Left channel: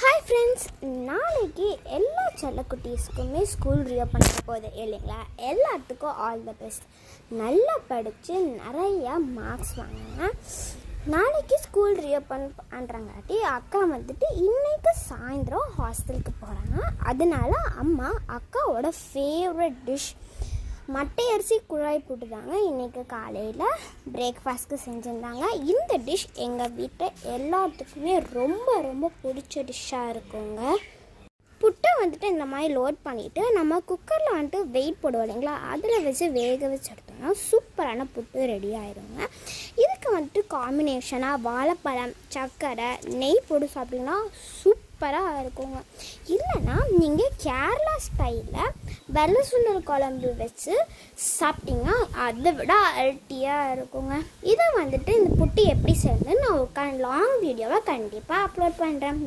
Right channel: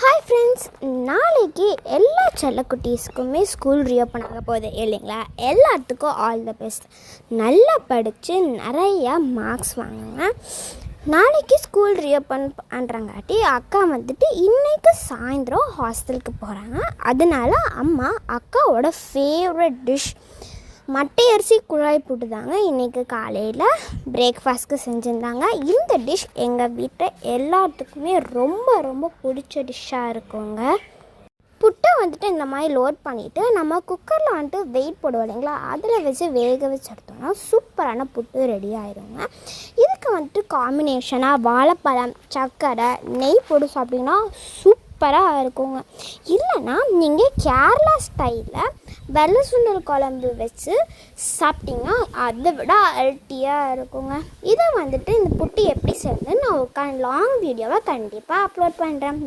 Hi friends, நாளைக்கு எல்லா செல்லக்குட்டீஸ்க்குமே school reopen பண்ண போகுது இல்லைங்களா? எல்லாத்துக்கும் ஆல் த பெஸ்ட். நல்லா படித்து நிறையா மார்க்ஸ் வாங்குங்க. நாளைக்கு ஸ்கூல் ரீஓப்பன் பண்ணுறங்காட்டி அக்கா இன்றைக்கி சாயந்தரம் ஹாஸ்டலுக்கு போகிறாங்க. அதனால அம்மா அக்காவோட ஃபேவரட் டிஷ் மட்டை அரிசி குழாய் போட்டு தாங்க இன்றைக்கி காலையில் பிரேக்ஃபாஸ்ட்க்கு செஞ்சுருந்தாங்க. இந்த டிஷ் எங்கள் வீட்டில் எல்லாத்துக்குமே ரொம்ப ரொம்ப பிடிச்ச டிஷ்ஷாக இருக்குங்க. புட்டை இந்த மாதிரி லோட் பண்ணிவிட்டு நம்ம குக்கரில் வெயிட் போடுவோம் இல்லைங்களா, அதில் வச்சு வேக வச்சு எடுத்தோம்னா சூப்பரான புட்டு ரெடி ஆகிடுங்க. இதுக்கு காம்பினேஷனாக வாழைப்பழம், சர்க்கரை, நெய் போட்டு சாப்பிட்டிங்கன்னா சூப்பராக இருக்குங்க. இல்லைன்னா நீங்கள் கேரளா ஸ்டைலில் வெள்ளை சுண்டல் குழம்பு வச்சு சாப்பிட்டிங்கன்னா அதை விட அல்ட்டியாக இருக்குங்க. இதை இந்த புட்டு எப்படி செய்யணும்னு நான் லாங் வீடியோவை கண்டிப்பாக அப்லோட் பண்ணுறேன்.